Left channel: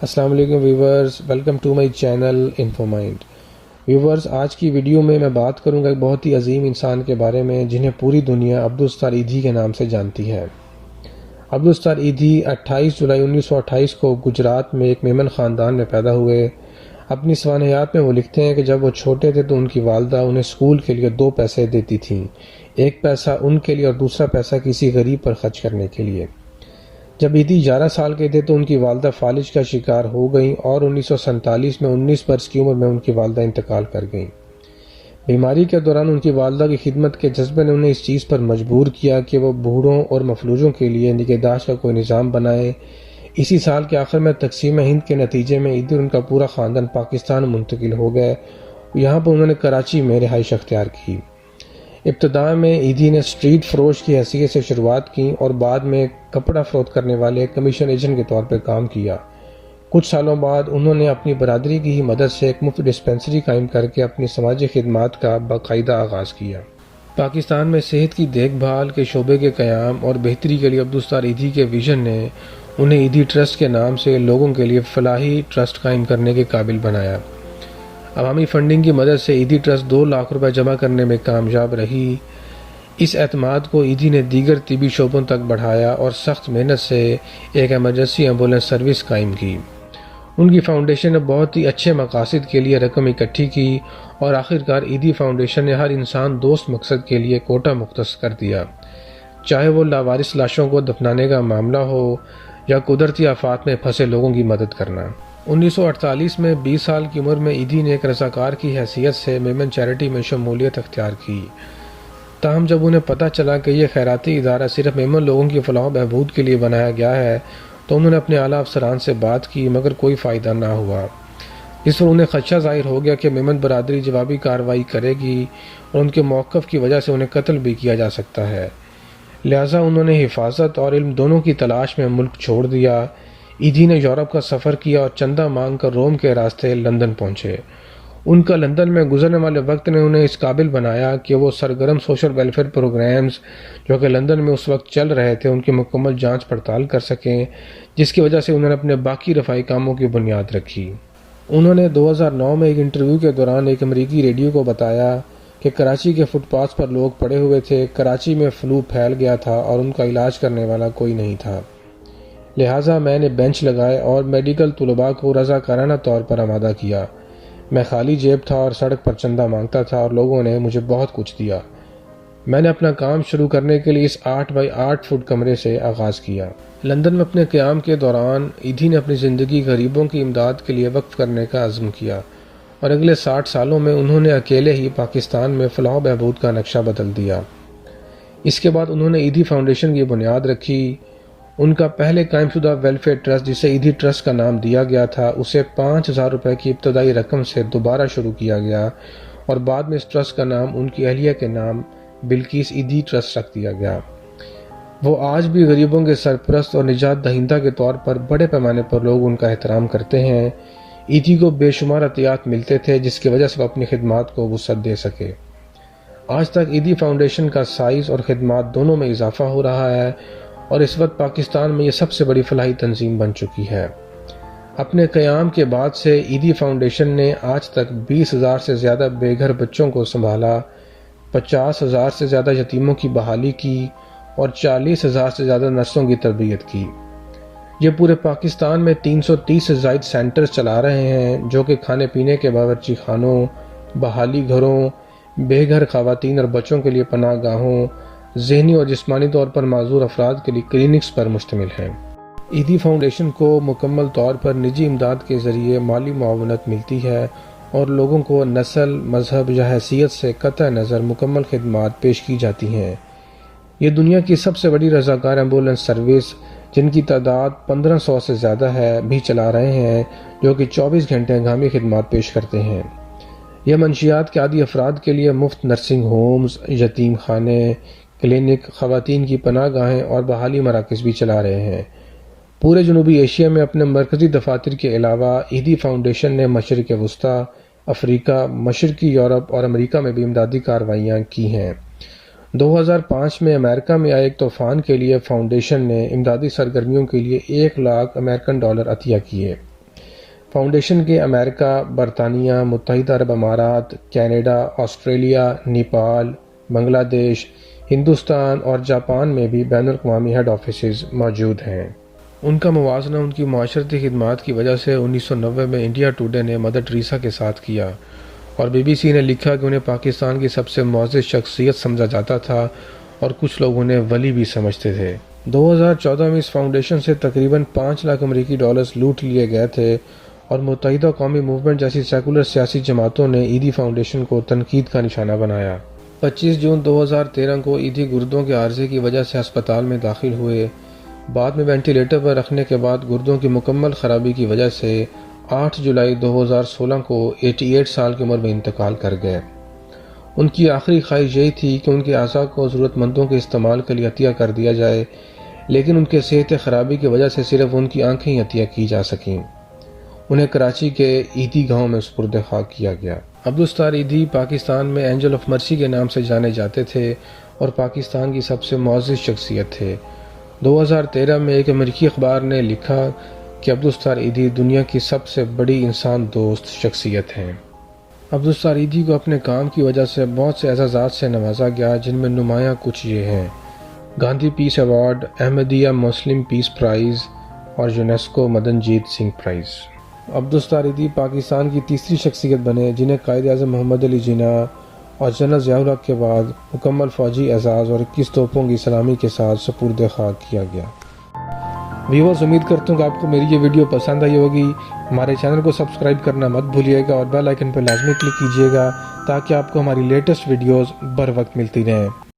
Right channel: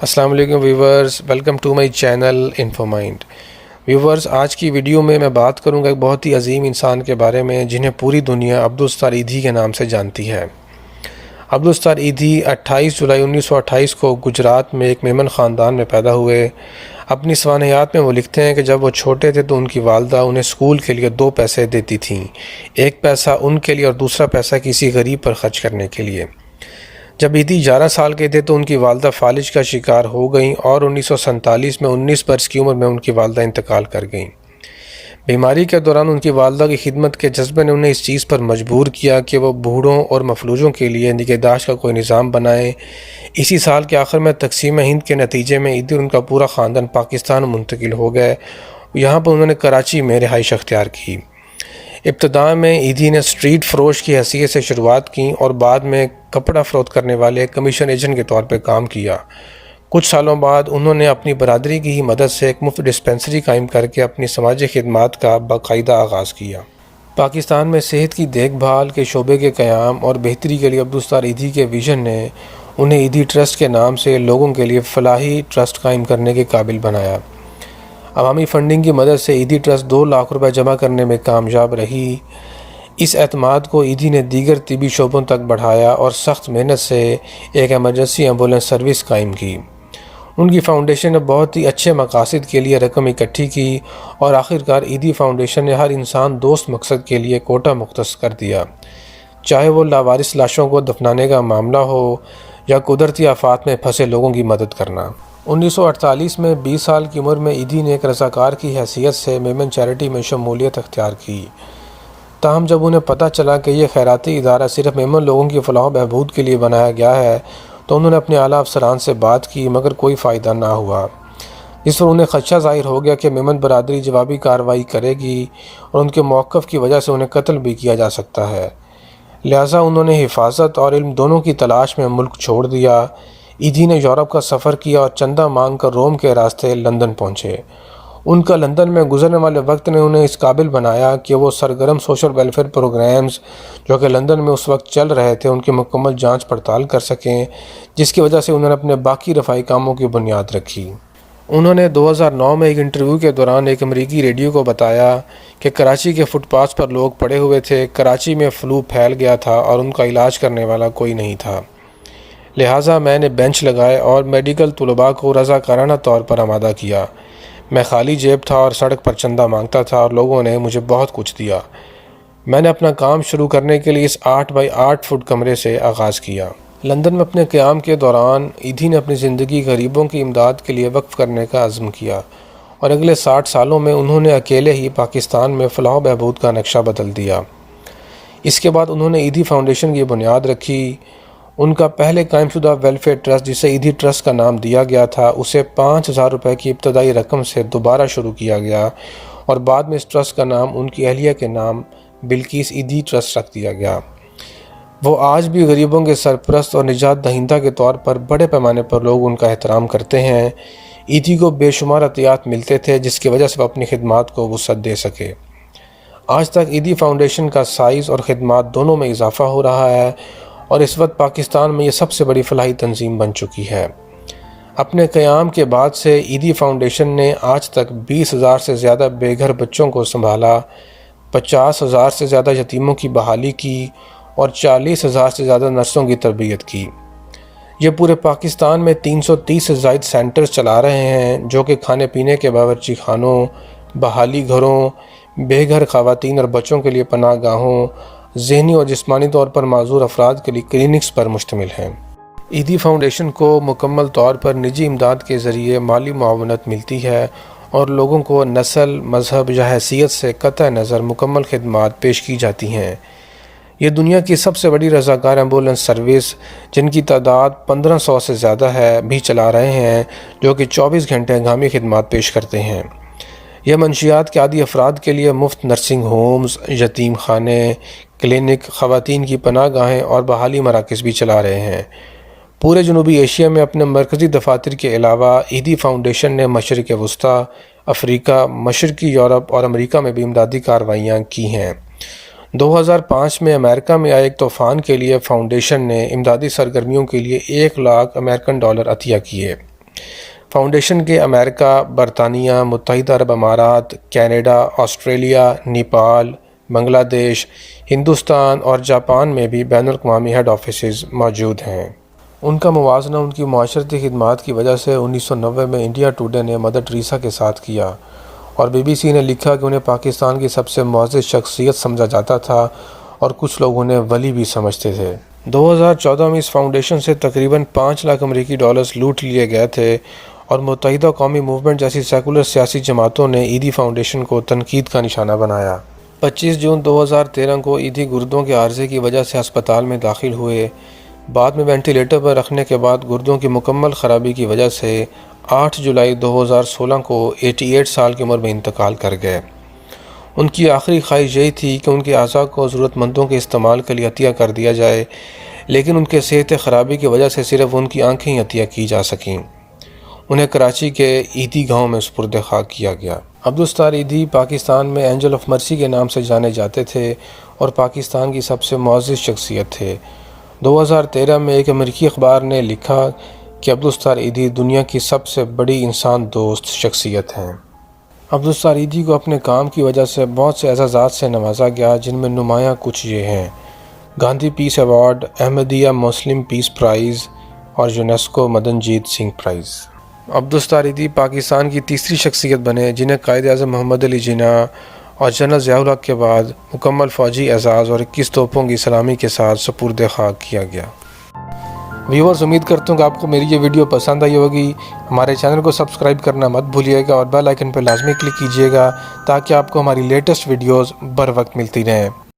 السلام علیکم viewers, welcome to my channel Info Mind. Viewers, آج کی ویڈیو میں بات کروں گا ایک بہت ہی عظیم انسان کے بارے میں جنہیں پوری دنیا عبدالستار ایدھی کے نام سے جانتی ہے۔ عبدالستار ایدھی 28 جولائی 1928 کو گجرات میں ایک میمن خاندان میں پیدا ہوئے۔ اپنی سوانحیات میں وہ لکھتے ہیں کہ جب وہ چھوٹے تھے تو ان کی والدہ انہیں اسکول کے لیے 2 پیسے دیتی تھیں، ایک پیسہ ان کے لیے اور دوسرا پیسہ کسی غریب پر خرچ کرنے کے لیے۔ جب ایدھی 11 سال کے تھے تو ان کی والدہ فالج کا شکار ہو گئیں اور 1947 میں 19 برس کی عمر میں ان کی والدہ انتقال کر گئیں۔ بیماری کے دوران ان کی والدہ کی خدمت کے جذبے نے انہیں اس چیز پر مجبور کیا کہ وہ بوڑھوں اور مفلوجوں کے لیے نگہداشت کا کوئی نظام بنائیں۔ اسی سال کے آخر میں تقسیم ہند کے نتیجے میں ایدھی اور ان کا پورا خاندان پاکستان منتقل ہو گئے۔ یہاں پر انہوں نے کراچی میں رہائش اختیار کی۔ ابتدا میں ایدھی نے اسٹریٹ فروش کی حیثیت سے شروعات کی اور بعد میں کپڑا فروخت کرنے والے کمیشن ایجنٹ کے طور پر کام کیا۔ کچھ سالوں بعد انہوں نے اپنی برادری کی ہی مدد سے ایک مفت ڈسپنسری قائم کر کے اپنی سماجی خدمات کا باقاعدہ آغاز کیا۔ پاکستان میں صحت کی دیکھ بھال کے شعبے کے قیام اور بہتری کے لیے عبدالستار ایدھی کے ویژن نے انہیں ایدھی ٹرسٹ کے نام سے لوگوں کے لیے فلاحی ٹرسٹ قائم کرنے کے قابل بنایا۔ عوامی فنڈنگ کی مدد سے ایدھی ٹرسٹ 2 لاکھ روپے جمع کرنے میں کامیاب رہی۔ اس اعتماد کو ایدھی نے دیگر طبی شعبوں تک بڑھایا اور سخت محنت سے ایک ایمرجنسی ایمبولینس سروس قائم کی۔ ان کی فاؤنڈیشن نے بہت ہی اچھے مقاصد کے لیے رقم اکٹھی کی اور آخرکار ایدھی فاؤنڈیشن نے ہر انسان دوست مقصد کے لیے کوٹہ مختص کر دیا، چاہے وہ لاوارث لاشوں کو دفنانے کا معاملہ ہو یا قدرتی آفات میں پھنسے لوگوں کی مدد کرنا۔ 1948 میں 20 سال کی عمر میں ایدھی نے ایک رضاکار کی حیثیت سے میمن چیریٹی میں شمولیت اختیار کی۔ تاہم جب انہیں پتہ چلا کہ یہ خیراتی ادارہ صرف میمن لوگوں کی فلاح و بہبود کے لیے بنایا گیا ہے تو انہوں نے اپنے اعلیٰ افسران سے بات کی، مگر کوئی فائدہ نہ ہوا۔ اس پر انہیں خدشہ ظاہر ہو گیا کہ میمن برادری جوابی کارروائی کرے گی اور ان کے موقف کی وجہ سے انہیں قتل بھی کیا جا سکتا ہے، لہٰذا انہوں نے حفاظت اور علم دونوں کی تلاش میں ملک چھوڑ دیا۔ ایدھی نے یورپ کا سفر کیا اور چندہ مانگ کر روم کے راستے لندن پہنچے۔ ان کا لندن میں گزرنے والے وقت نے انہیں اس قابل بنایا کہ وہ سرگرم سوشل ویلفیئر پروگرامز جو کہ لندن میں اس وقت چل رہے تھے ان کی مکمل جانچ پڑتال کر سکیں، جس کی وجہ سے انہوں نے اپنے باقی رفاہی کاموں کی بنیاد رکھی۔ انہوں نے 2009 میں ایک انٹرویو کے دوران ایک امریکی ریڈیو کو بتایا کہ کراچی کے فٹ پاتھ پر لوگ پڑے ہوئے تھے، کراچی میں فلو پھیل گیا تھا اور ان کا علاج کرنے والا کوئی نہیں تھا، لہٰذا میں نے بینچ لگائے اور میڈیکل طلباء کو رضاکارانہ طور پر آمادہ کیا۔ میں خالی جیب تھا اور سڑک پر چندہ مانگتا تھا اور لوگوں نے مجھے بہت کچھ دیا۔ میں نے اپنا کام شروع کرنے کے لیے اس 8 بائی 8 فٹ کمرے سے آغاز کیا۔ لندن میں اپنے قیام کے دوران ایدھی نے اپنی زندگی غریبوں کی امداد کے لیے وقف کرنے کا عزم کیا اور اگلے 60 سالوں میں انہوں نے اکیلے ہی پاکستان میں فلاح و بہبود کا نقشہ بدل دیا۔ اس کے بعد انہوں نے ایدھی فاؤنڈیشن کی بنیاد رکھی۔ ان کا پہلے قائم شدہ ویلفیئر ٹرسٹ جسے ایدھی ٹرسٹ کا نام دیا گیا تھا اسے 5000 روپے کی ابتدائی رقم سے دوبارہ شروع کیا گیا اور بعد میں اس ٹرسٹ کا نام ان کی اہلیہ کے نام بلقیس ایدھی ٹرسٹ رکھ دیا گیا۔ وہ آج بھی غریبوں کے سرپرست اور نجات دہندہ کے طور پر بڑے پیمانے پر لوگ ان کا احترام کرتے ہیں۔ ایدھی کو بے شمار عطیات ملتے تھے جس کی وجہ سے وہ اپنی خدمات کو وسعت دے سکے۔ آج تک ایدھی فاؤنڈیشن کا سائز اور خدمات دونوں میں اضافہ ہو رہا ہے اور اس وقت پاکستان میں یہ سب سے بڑی فلاحی تنظیم بن چکی ہے۔ اپنے قیام کے بعد سے ایدھی فاؤنڈیشن نے آج تک 20,000 سے زیادہ بے گھر بچوں کو سنبھالا، 50,000 سے زیادہ یتیموں کی بحالی کی اور 40,000 سے زیادہ نرسوں کی تربیت کی۔ یہ پورے پاکستان میں 330 سے زائد سینٹرز چلا رہے ہیں جو کہ کھانے پینے کے باورچی خانوں، بحالی گھروں، بے گھر خواتین اور بچوں کے لیے پناہ گاہوں، ذہنی اور جسمانی طور پر معذور افراد کے لیے کلینکس پر مشتمل ہیں۔ ایدھی فاؤنڈیشن کو مکمل طور پر نجی امداد کے ذریعے مالی معاونت ملتی ہے اور لوگوں کو نسل، مذہب یا حیثیت سے قطع نظر مکمل خدمات پیش کی جاتی ہیں۔ یہ دنیا کی سب سے بڑی رضاکار ایمبولینس سروس جن کی تعداد 1500 سے زیادہ ہے بھی چلا رہے ہیں جو کہ 24 گھنٹے ہنگامی خدمات پیش کرتے ہیں۔ یہ منشیات کے عادی افراد کے لیے مفت نرسنگ ہومز، یتیم خانے، کلینک، خواتین کی پناہ گاہیں اور بحالی مراکز بھی چلا رہے ہیں۔ پورے جنوبی ایشیا میں اپنے مرکزی دفاتر کے علاوہ ایدھی فاؤنڈیشن نے مشرق وسطیٰ، افریقہ، مشرقی یورپ اور امریکہ میں بھی امدادی کارروائیاں کی ہیں۔ 2005 میں امریکہ میں آئے ایک طوفان کے لیے فاؤنڈیشن نے امدادی سرگرمیوں کے لیے 1 لاکھ امریکن ڈالر عطیہ کیے۔ فاؤنڈیشن کے امریکہ، برطانیہ، متحدہ عرب امارات، کینیڈا، آسٹریلیا، نیپال، بنگلہ دیش، ہندوستان اور جاپان میں بھی بین الاقوامی ہیڈ آفیسز موجود ہیں۔ ان کا موازنہ ان کی معاشرتی خدمات کی وجہ سے 1990 میں انڈیا ٹوڈے نے مدر ٹریسا کے ساتھ کیا، اور BBC نے لکھا کہ انہیں پاکستان کی سب سے معزز شخصیت سمجھا جاتا تھا اور کچھ لوگ انہیں ولی بھی سمجھتے تھے۔ 2014 میں اس فاؤنڈیشن سے تقریباً 5 لاکھ امریکی ڈالرز لوٹ لیے گئے تھے، اور متحدہ قومی موومنٹ جیسی سیکولر سیاسی جماعتوں نے ایدھی فاؤنڈیشن کو تنقید کا نشانہ بنایا۔ 25 جون 2013 کو ایدھی گردوں کے عارضے کی وجہ سے ہسپتال میں داخل ہوئے۔ بعد میں وینٹی لیٹر پر رکھنے کے بعد گردوں کی مکمل خرابی کی وجہ سے 8 جولائی 2016 کو 88 سال کی عمر میں انتقال کر گئے۔ ان کی آخری خواہش یہی تھی کہ ان کے اعضاء کو ضرورت مندوں کے استعمال کے لیے عطیہ کر دیا جائے، لیکن ان کے صحت خرابی کی وجہ سے صرف ان کی آنکھیں ہی عطیہ کی جا سکیں۔ انہیں کراچی کے ایدھی گاؤں میں سپرد خاک کیا گیا۔ عبدالستار ایدھی پاکستان میں اینجل آف مرسی کے نام سے جانے جاتے تھے اور پاکستان کی سب سے معزز شخصیت تھے۔ 2013 میں ایک امریکی اخبار نے لکھا کہ عبدالستار ایدھی دنیا کی سب سے بڑی انسان دوست شخصیت ہیں۔ عبدالستار ایدھی کو اپنے کام کی وجہ سے بہت سے اعزازات سے نوازا گیا، جن میں نمایاں کچھ یہ ہیں: گاندھی پیس ایوارڈ، احمدیہ مسلم پیس پرائز اور یونیسکو مدن جیت سنگھ پرائز۔ عبدالستار ایدھی پاکستان کی تیسری شخصیت بنے جنہیں قائد اعظم محمد علی جناح اور جنرل ضیاء الحق کے بعد مکمل فوجی اعزاز اور 21 توپوں کی سلامی کے ساتھ سپرد خاک کیا گیا۔ ویورز، امید کرتا ہوں کہ آپ کو میری یہ ویڈیو پسند آئی ہوگی۔ ہمارے چینل کو سبسکرائب کرنا مت بھولیے گا اور بیل آئیکن پر لازمی کلک کیجیے گا تاکہ آپ کو ہماری لیٹسٹ ویڈیوز بر وقت ملتی رہیں۔